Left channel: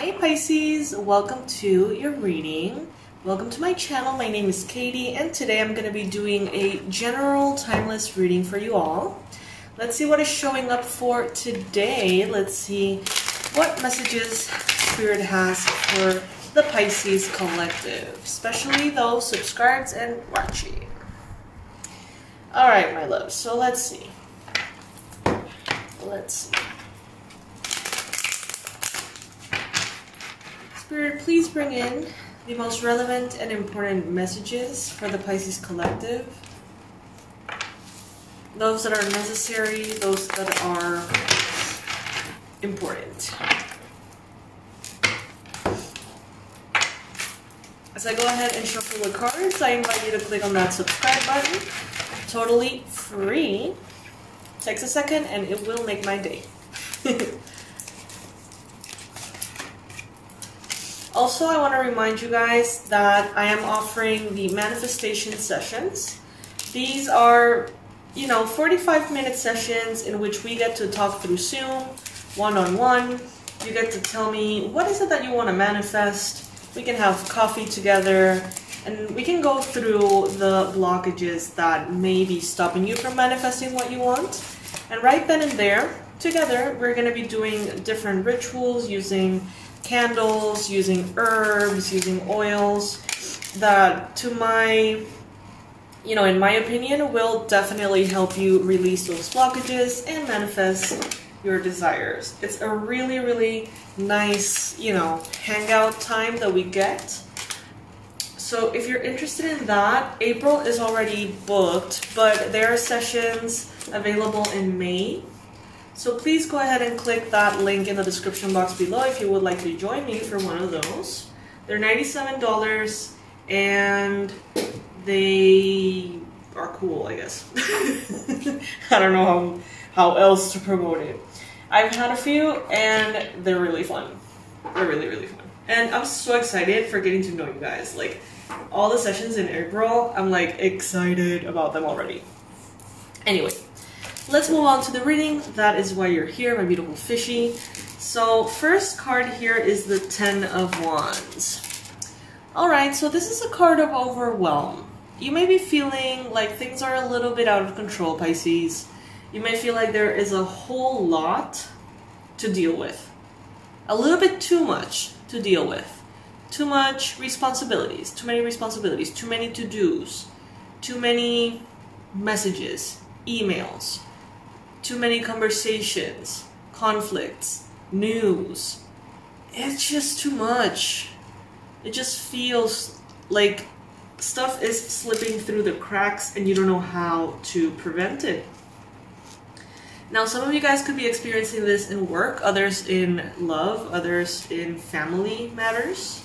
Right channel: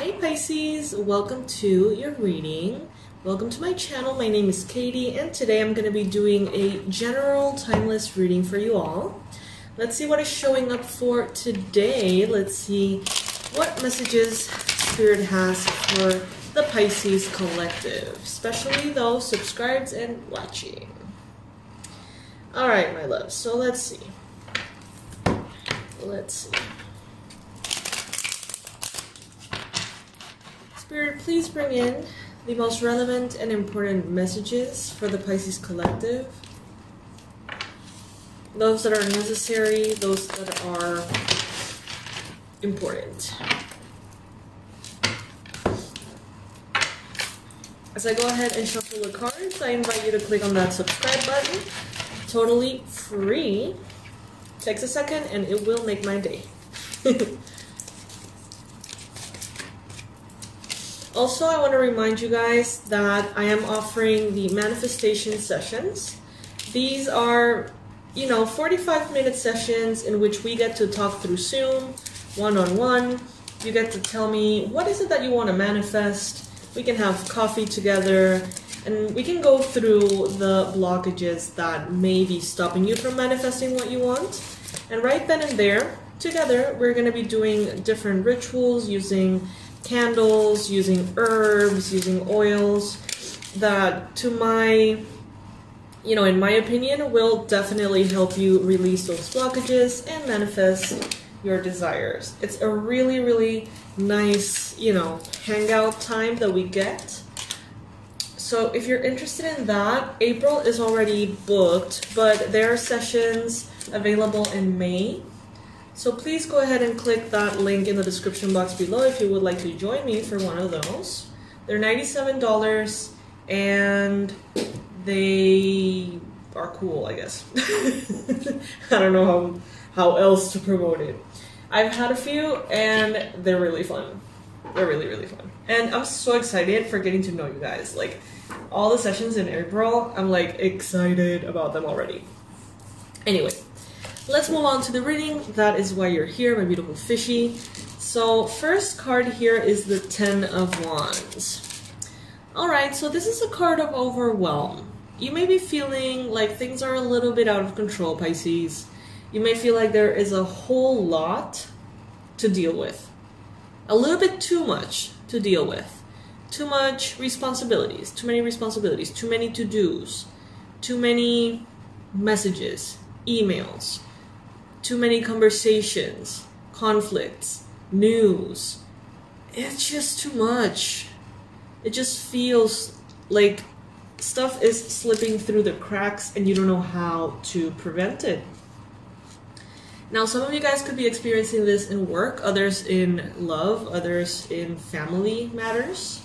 Hey Pisces, welcome to your reading. Welcome to my channel. My name is Katie and today I'm going to be doing a general timeless reading for you all. Let's see what is showing up for today. Let's see what messages Spirit has for the Pisces collective, especially those subscribed and watching. Alright my love, so let's see. Spirit, please bring in the most relevant and important messages for the Pisces collective. Those that are necessary, those that are important. As I go ahead and shuffle the cards, I invite you to click on that subscribe button. Totally free. Takes a second and it will make my day. Also, I want to remind you guys that I am offering the manifestation sessions. These are, 45-minute sessions in which we get to talk through Zoom, one-on-one. You get to tell me what is it that you want to manifest. We can have coffee together and we can go through the blockages that may be stopping you from manifesting what you want. And right then and there, together, we're going to be doing different rituals using candles, using herbs, using oils that in my opinion, will definitely help you release those blockages and manifest your desires. It's a really, really nice, hangout time that we get. So if you're interested in that, April is already booked, but there are sessions available in May. So please go ahead and click that link in the description box below if you would like to join me for one of those. They're $97 and they are cool, I guess. I don't know how else to promote it. I've had a few and they're really fun. They're really, really fun. And I'm so excited for getting to know you guys. Like all the sessions in April, I'm like excited about them already. Anyway. Let's move on to the reading. That is why you're here, my beautiful fishy. So first card here is the Ten of Wands. Alright, so this is a card of overwhelm. You may be feeling like things are a little bit out of control, Pisces. You may feel like there is a whole lot to deal with. A little bit too much to deal with. Too much responsibilities, too many to-dos, too many messages, emails. Too many conversations, conflicts, news. It's just too much. It just feels like stuff is slipping through the cracks and you don't know how to prevent it. Now, some of you guys could be experiencing this in work, others in love, others in family matters.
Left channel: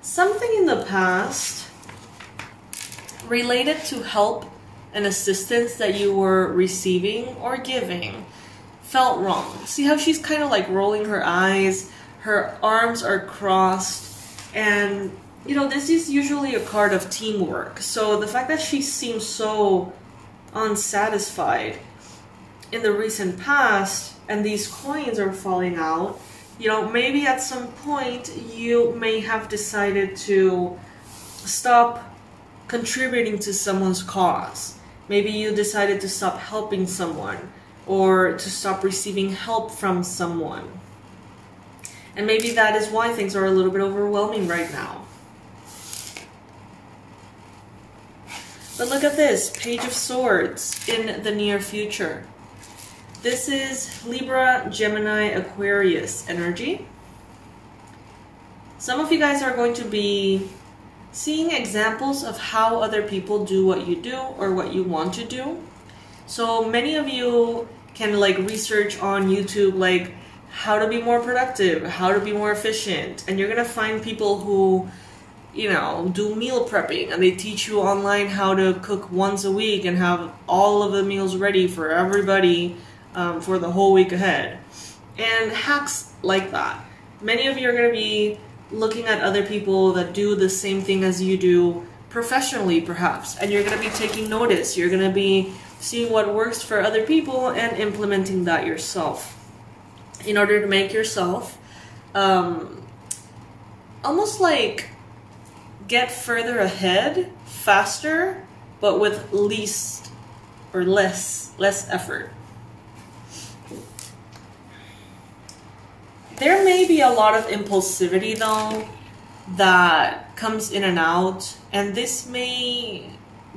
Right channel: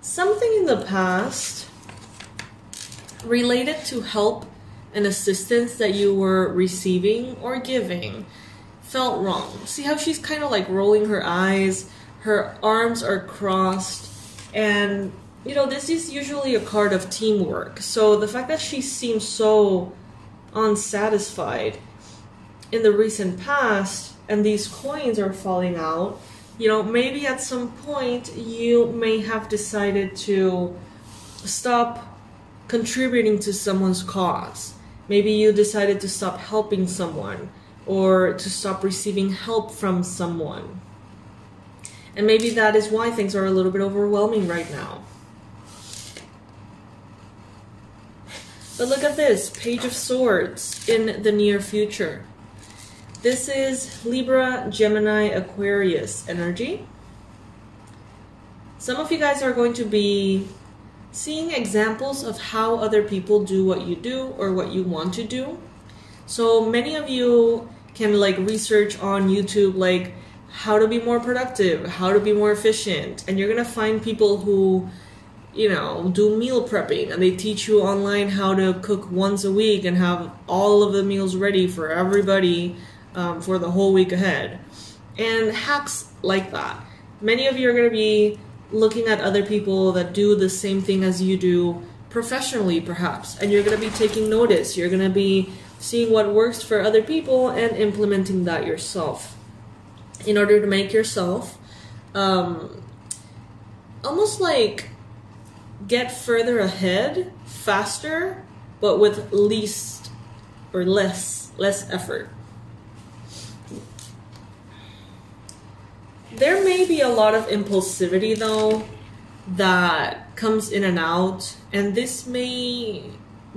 Something in the past related to help and assistance that you were receiving or giving felt wrong. See how she's kind of like rolling her eyes, her arms are crossed, and this is usually a card of teamwork. So the fact that she seems so unsatisfied in the recent past and these coins are falling out, maybe at some point you may have decided to stop contributing to someone's cause. Maybe you decided to stop helping someone or to stop receiving help from someone. And maybe that is why things are a little bit overwhelming right now. But look at this, Page of Swords in the near future. This is Libra, Gemini, Aquarius energy. Some of you guys are going to be seeing examples of how other people do what you do or what you want to do. So many of you can research on YouTube how to be more productive, how to be more efficient, and you're gonna find people who do meal prepping and they teach you online how to cook once a week and have all of the meals ready for everybody for the whole week ahead, and hacks like that. Many of you are gonna be looking at other people that do the same thing as you do professionally perhaps, and you're going to be taking notice. You're going to be seeing what works for other people and implementing that yourself in order to make yourself almost like get further ahead faster, but with least or less effort. There may be a lot of impulsivity though that comes in and out, and this may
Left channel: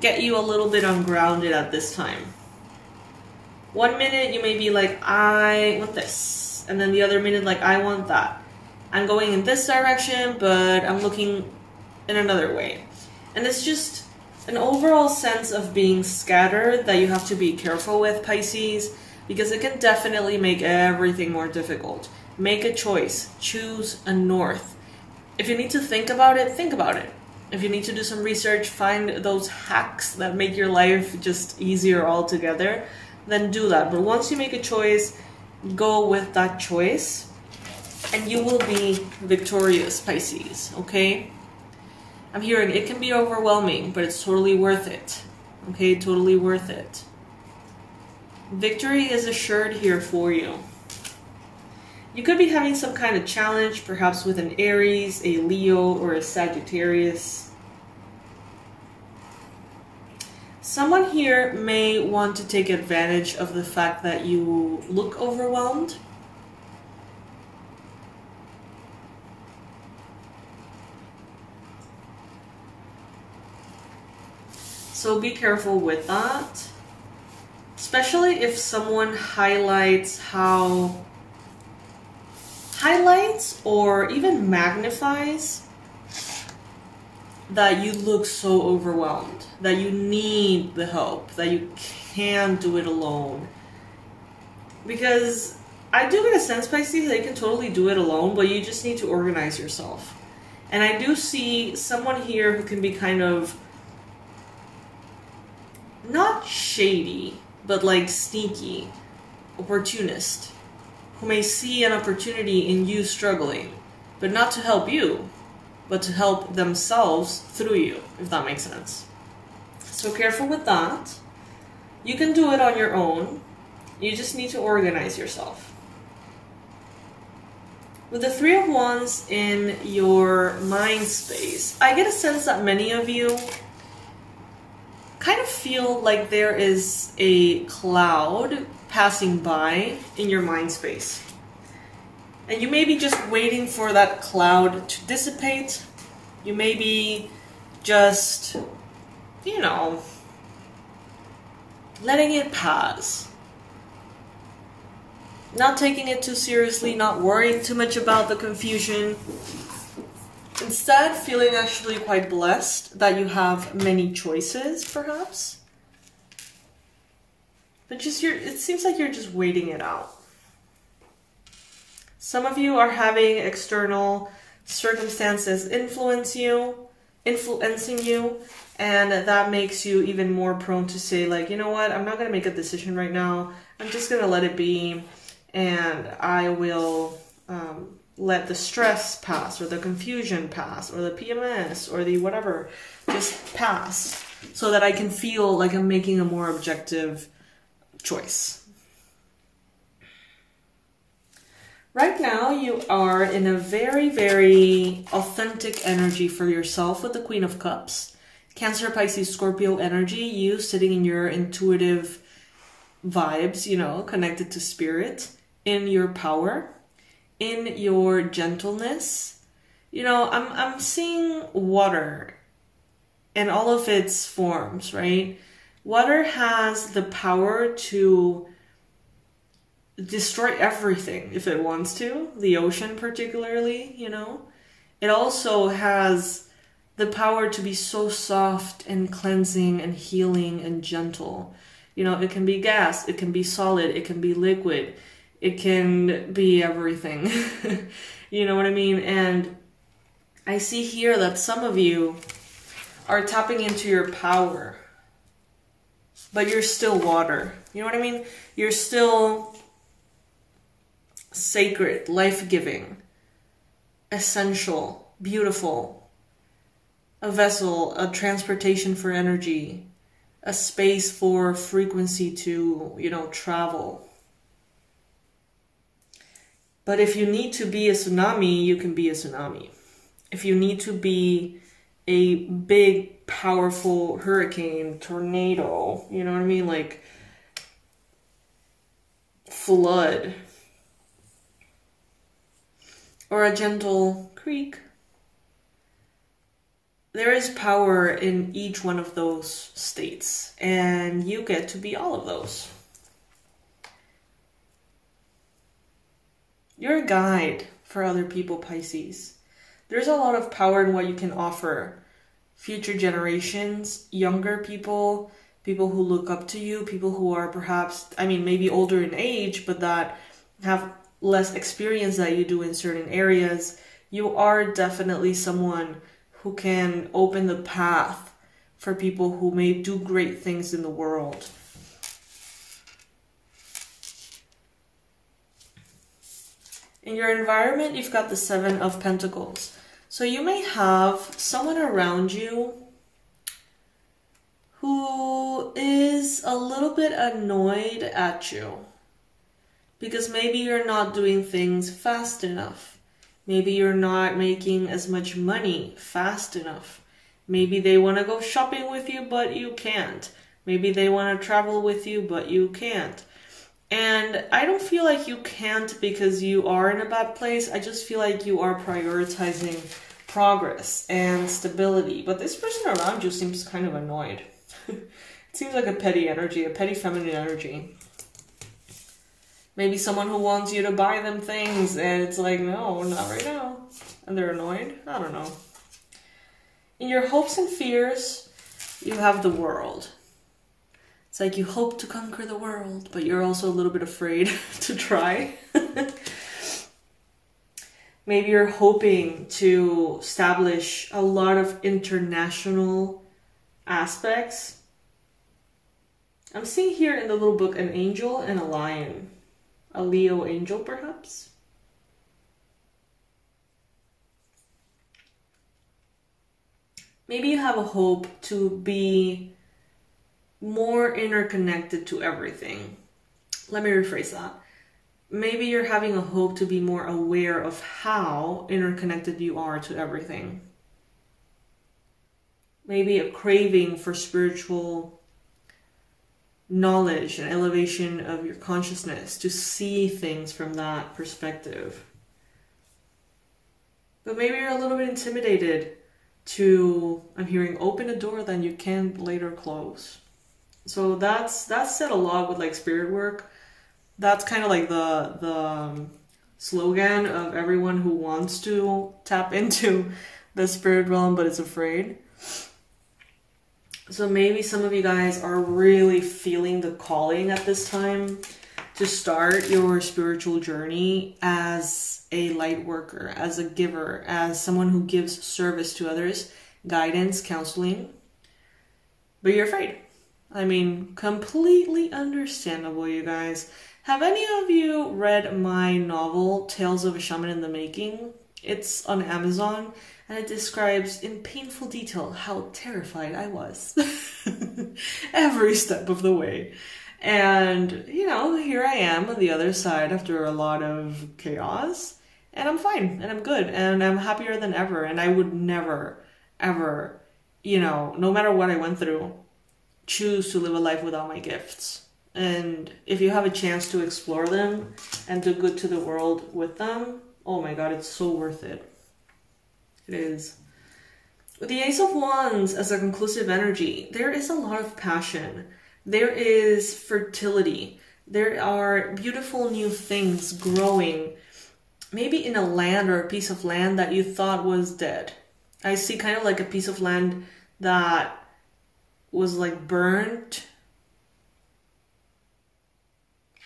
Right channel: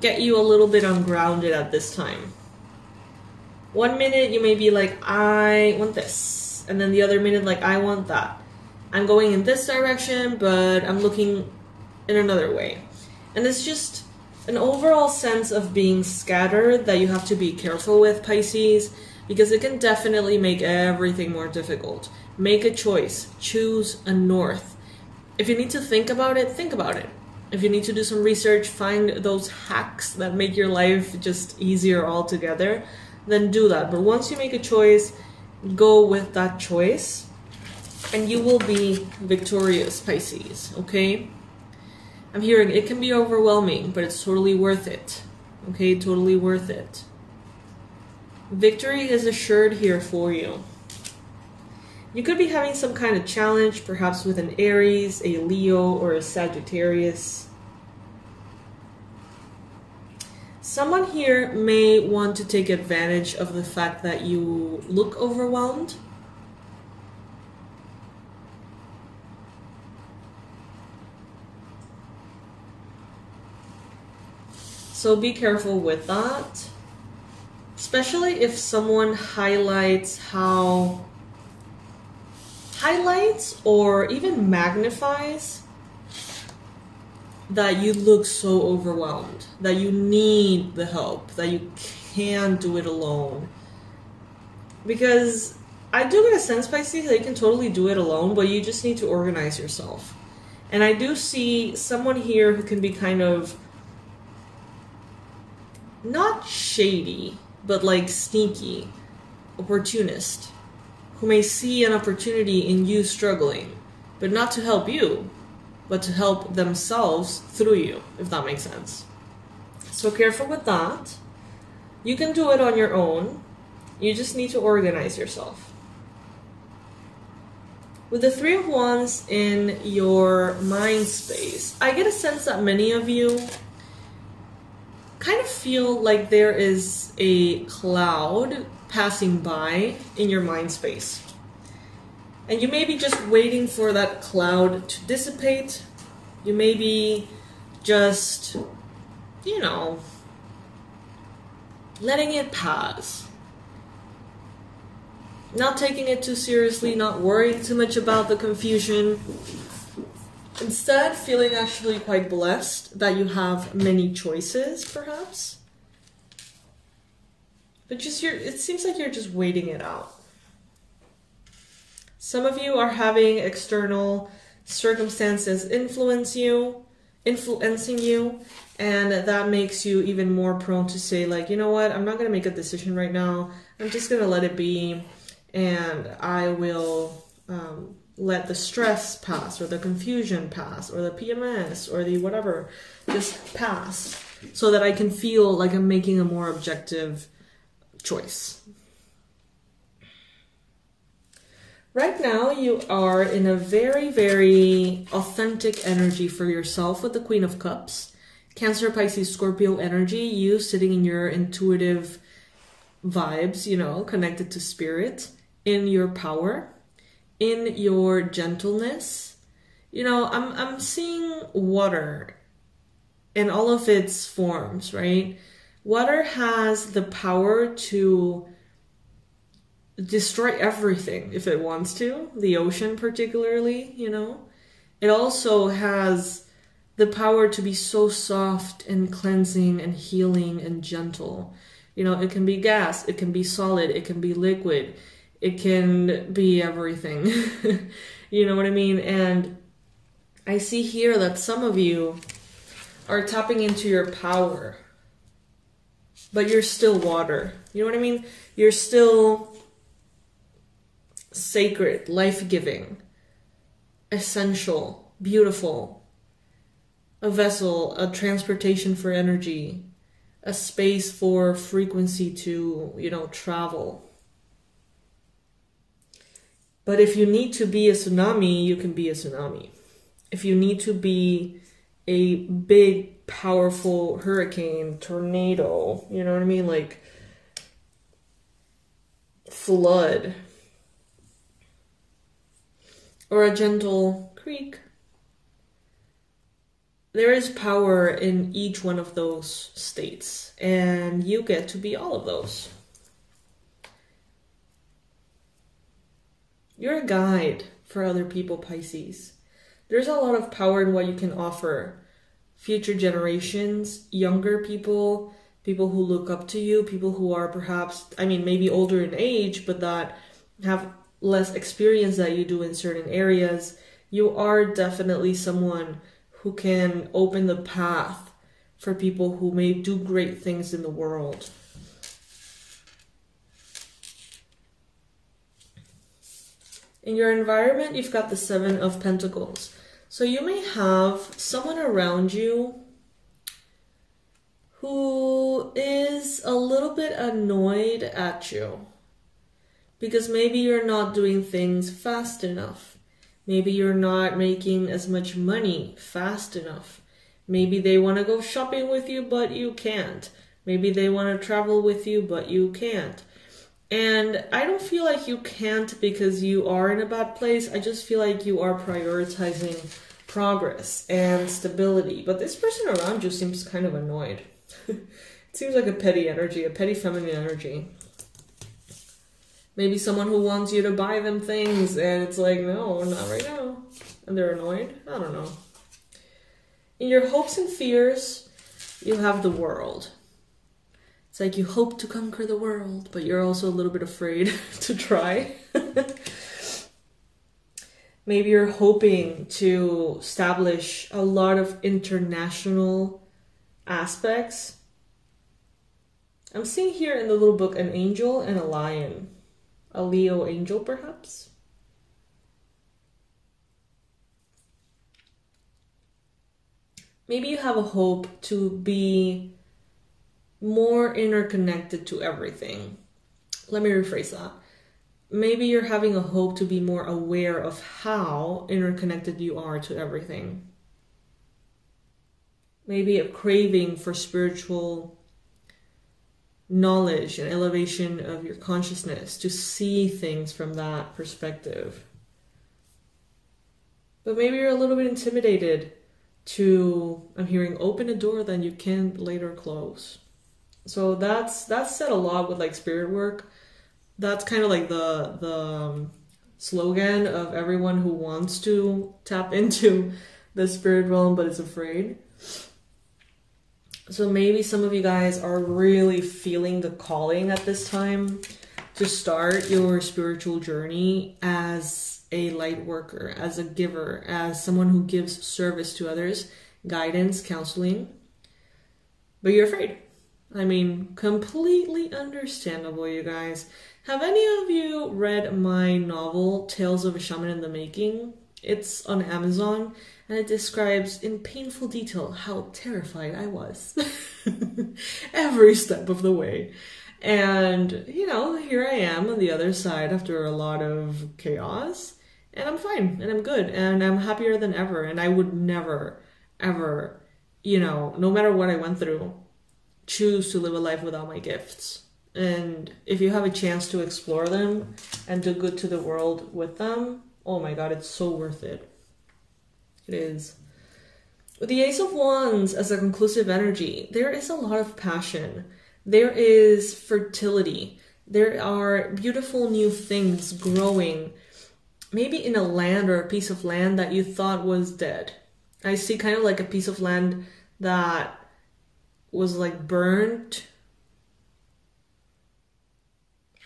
get you a little bit ungrounded at this time. One minute you may be like, I want this, and then the other minute like, I want that. I'm going in this direction, but I'm looking in another way. And it's just an overall sense of being scattered that you have to be careful with, Pisces, because it can definitely make everything more difficult. Make a choice. Choose a north. If you need to think about it, think about it. If you need to do some research, find those hacks that make your life just easier altogether, then do that. But once you make a choice, go with that choice, and you will be victorious, Pisces, okay? I'm hearing it can be overwhelming, but it's totally worth it, okay? Totally worth it. Victory is assured here for you. You could be having some kind of challenge, perhaps with an Aries, a Leo, or a Sagittarius. Someone here may want to take advantage of the fact that you look overwhelmed. So be careful with that, especially if someone highlights or even magnifies that you look so overwhelmed, that you need the help, that you can't do it alone. Because I do get a sense, Pisces, that you can totally do it alone, but you just need to organize yourself. And I do see someone here who can be kind of not shady, but like sneaky, opportunist, who may see an opportunity in you struggling, but not to help you, but to help themselves through you, if that makes sense. So careful with that. You can do it on your own. You just need to organize yourself. With the Three of Wands in your mind space, I get a sense that many of you kind of feel like there is a cloud passing by in your mind space. And you may be just waiting for that cloud to dissipate. You may be just, you know, letting it pass. Not taking it too seriously, not worrying too much about the confusion. Instead, feeling actually quite blessed that you have many choices, perhaps. But just it seems like you're just waiting it out. Some of you are having external circumstances influencing you, and that makes you even more prone to say, like, you know what, I'm not going to make a decision right now. I'm just going to let it be, and I will let the stress pass, or the confusion pass, or the PMS, or the whatever just pass, so that I can feel like I'm making a more objective choice. Right now, you are in a very, very authentic energy for yourself with the Queen of Cups. Cancer, Pisces, Scorpio energy, you sitting in your intuitive vibes, you know, connected to spirit, in your power, in your gentleness. You know, I'm seeing water in all of its forms, right? Water has the power to destroy everything if it wants to, the ocean particularly, you know. It also has the power to be so soft and cleansing and healing and gentle. You know, it can be gas, it can be solid, it can be liquid, it can be everything. You know what I mean? And I see here that some of you are tapping into your power, but you're still water. You know what I mean? You're still sacred, life-giving, essential, beautiful, a vessel, a transportation for energy, a space for frequency to, you know, travel. But if you need to be a tsunami, you can be a tsunami. If you need to be a big, powerful hurricane, tornado, you know what I mean? Like flood. Or a gentle creek. There is power in each one of those states, and you get to be all of those. You're a guide for other people, Pisces. There's a lot of power in what you can offer future generations, younger people, people who look up to you, people who are perhaps, I mean, maybe older in age, but that have less experience that you do in certain areas. You are definitely someone who can open the path for people who may do great things in the world. In your environment, you've got the Seven of Pentacles. So you may have someone around you who is a little bit annoyed at you because maybe you're not doing things fast enough. Maybe you're not making as much money fast enough. Maybe they want to go shopping with you, but you can't. Maybe they want to travel with you, but you can't. And I don't feel like you can't because you are in a bad place. I just feel like you are prioritizing progress and stability. But this person around you seems kind of annoyed. It seems like a petty energy, a petty feminine energy. Maybe someone who wants you to buy them things and it's like, no, not right now. And they're annoyed. I don't know. In your hopes and fears, you have the world. It's like you hope to conquer the world, but you're also a little bit afraid to try. Maybe you're hoping to establish a lot of international aspects. I'm seeing here in the little book an angel and a lion. A Leo angel, perhaps? Maybe you have a hope to be more interconnected to everything. Let me rephrase that. Maybe you're having a hope to be more aware of how interconnected you are to everything. Maybe a craving for spiritual knowledge and elevation of your consciousness to see things from that perspective. But maybe you're a little bit intimidated to, I'm hearing, open a door then you can later close. So that's said a lot with like spirit work. That's kind of like the slogan of everyone who wants to tap into the spirit realm but is afraid. So maybe some of you guys are really feeling the calling at this time to start your spiritual journey as a light worker, as a giver, as someone who gives service to others, guidance, counseling. But you're afraid. I mean, completely understandable, you guys. Have any of you read my novel, Tales of a Shaman in the Making? It's on Amazon, and it describes in painful detail how terrified I was every step of the way. And, you know, here I am on the other side after a lot of chaos, and I'm fine, and I'm good, and I'm happier than ever, and I would never, ever, you know, no matter what I went through, choose to live a life without my gifts. And if you have a chance to explore them and do good to the world with them, oh my god, it's so worth it. It is. With the Ace of Wands as a conclusive energy, there is a lot of passion. There is fertility. There are beautiful new things growing, maybe in a land or a piece of land that you thought was dead. I see kind of like a piece of land that was like burnt.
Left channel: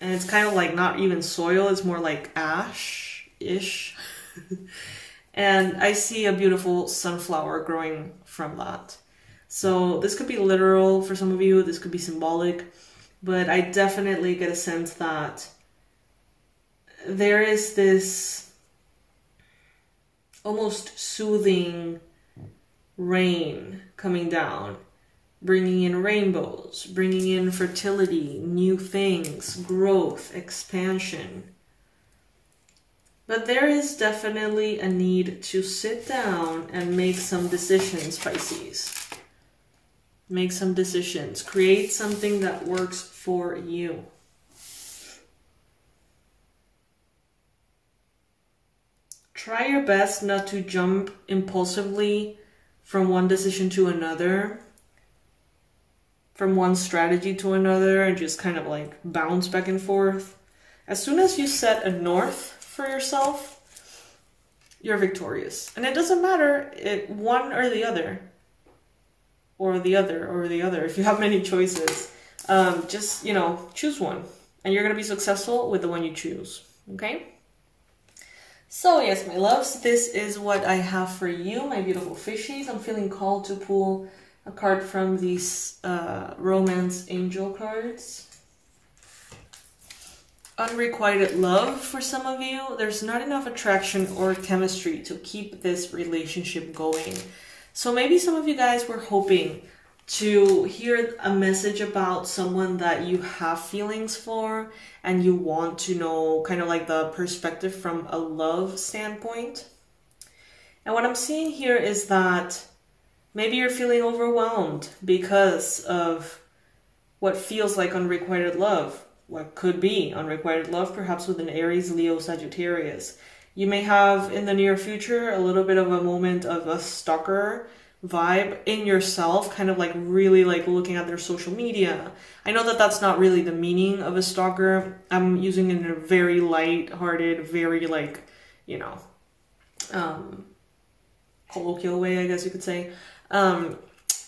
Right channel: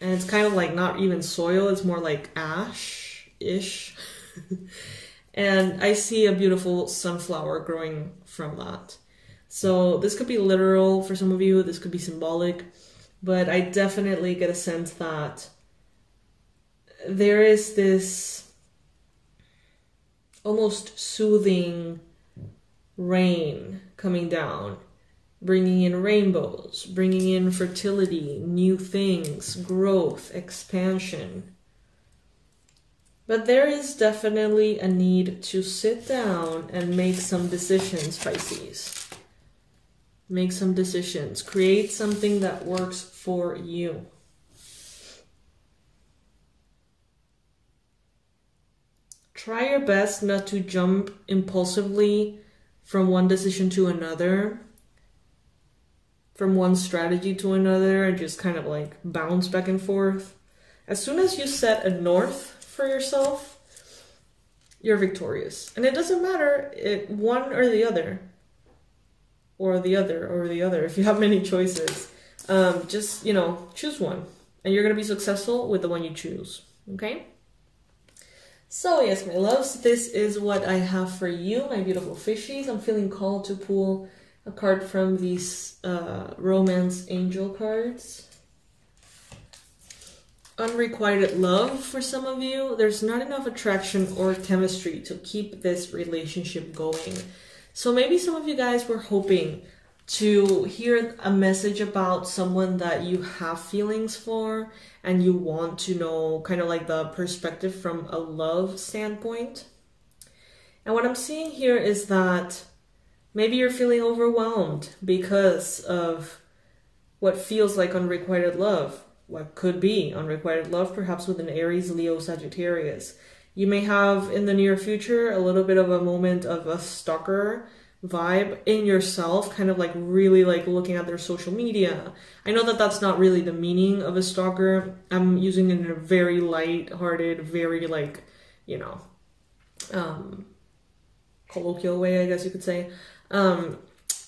And it's kind of like not even soil, it's more like ash-ish. And I see a beautiful sunflower growing from that. So this could be literal for some of you, this could be symbolic, but I definitely get a sense that there is this almost soothing rain coming down bringing in rainbows, bringing in fertility, new things, growth, expansion. But there is definitely a need to sit down and make some decisions, Pisces. Make some decisions. Create something that works for you. Try your best not to jump impulsively from one decision to another, from one strategy to another, and just kind of like bounce back and forth. As soon as you set a north for yourself, you're victorious. And it doesn't matter one or the other, or the other, or the other. If you have many choices, just, you know, choose one. And you're going to be successful with the one you choose. Okay? So yes, my loves, this is what I have for you, my beautiful fishies. I'm feeling called to pull a card from these romance angel cards. Unrequited love for some of you. There's not enough attraction or chemistry to keep this relationship going. So maybe some of you guys were hoping to hear a message about someone that you have feelings for and you want to know kind of like the perspective from a love standpoint. And what I'm seeing here is that maybe you're feeling overwhelmed because of what feels like unrequited love. What could be unrequited love, perhaps with an Aries, Leo, Sagittarius. You may have in the near future a little bit of a moment of a stalker vibe in yourself, kind of like really like looking at their social media. I know that that's not really the meaning of a stalker. I'm using it in a very light-hearted, very like, you know, colloquial way, I guess you could say.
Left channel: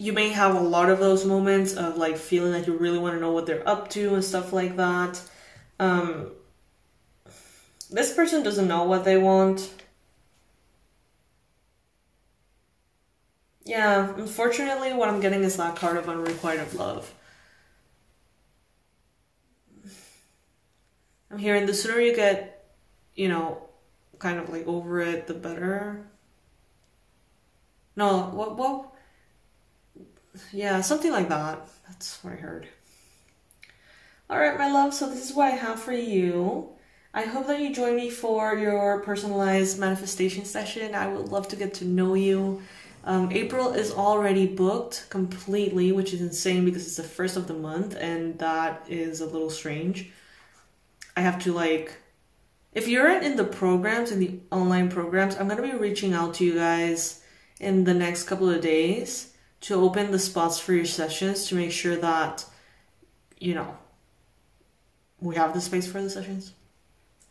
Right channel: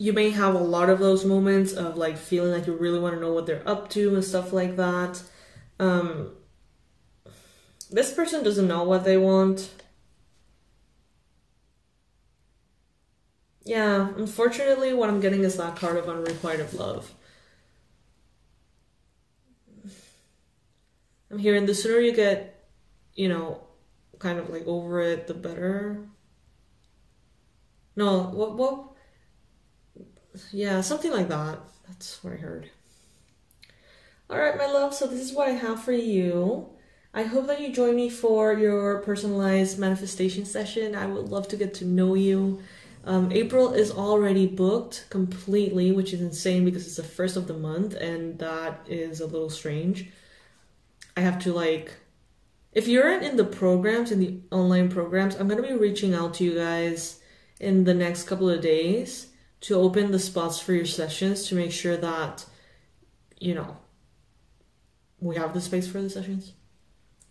You may have a lot of those moments of like feeling like you really want to know what they're up to and stuff like that. This person doesn't know what they want. Yeah, unfortunately, what I'm getting is that card of unrequited love. I'm hearing the sooner you get, you know, kind of like over it, the better. No, what? Yeah, something like that. That's what I heard. All right, my love. So this is what I have for you. I hope that you join me for your personalized manifestation session. I would love to get to know you. April is already booked completely, which is insane because it's the first of the month, and that is a little strange. I have to like, if you're in the programs, in the online programs, I'm going to be reaching out to you guys in the next couple of days to open the spots for your sessions to make sure that, you know, we have the space for the sessions.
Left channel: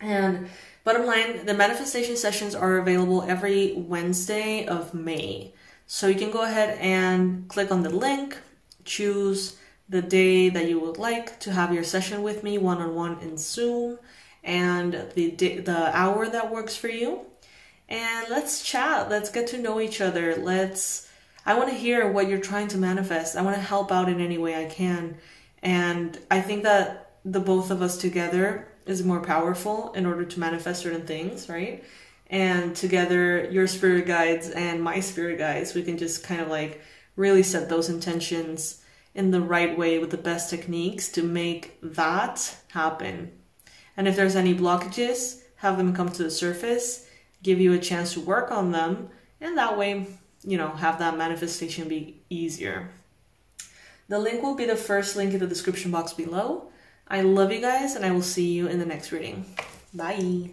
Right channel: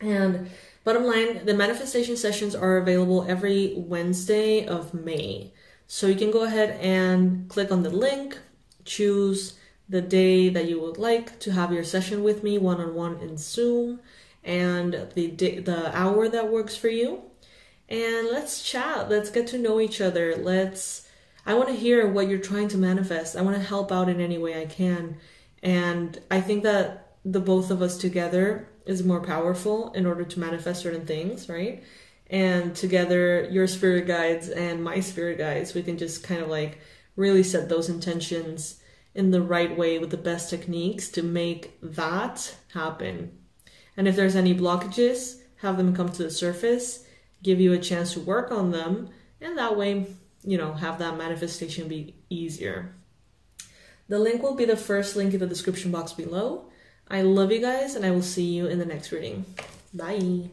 And bottom line, the manifestation sessions are available every Wednesday of May. So you can go ahead and click on the link, choose the day that you would like to have your session with me one-on-one in Zoom, and the hour that works for you. And let's chat. Let's get to know each other. I want to hear what you're trying to manifest. I want to help out in any way I can. And I think that the both of us together is more powerful in order to manifest certain things, right? And together, your spirit guides and my spirit guides, we can just kind of like really set those intentions in the right way with the best techniques to make that happen. And if there's any blockages, have them come to the surface, give you a chance to work on them, and that way, you know, have that manifestation be easier. The link will be the first link in the description box below. I love you guys, and I will see you in the next reading. Bye.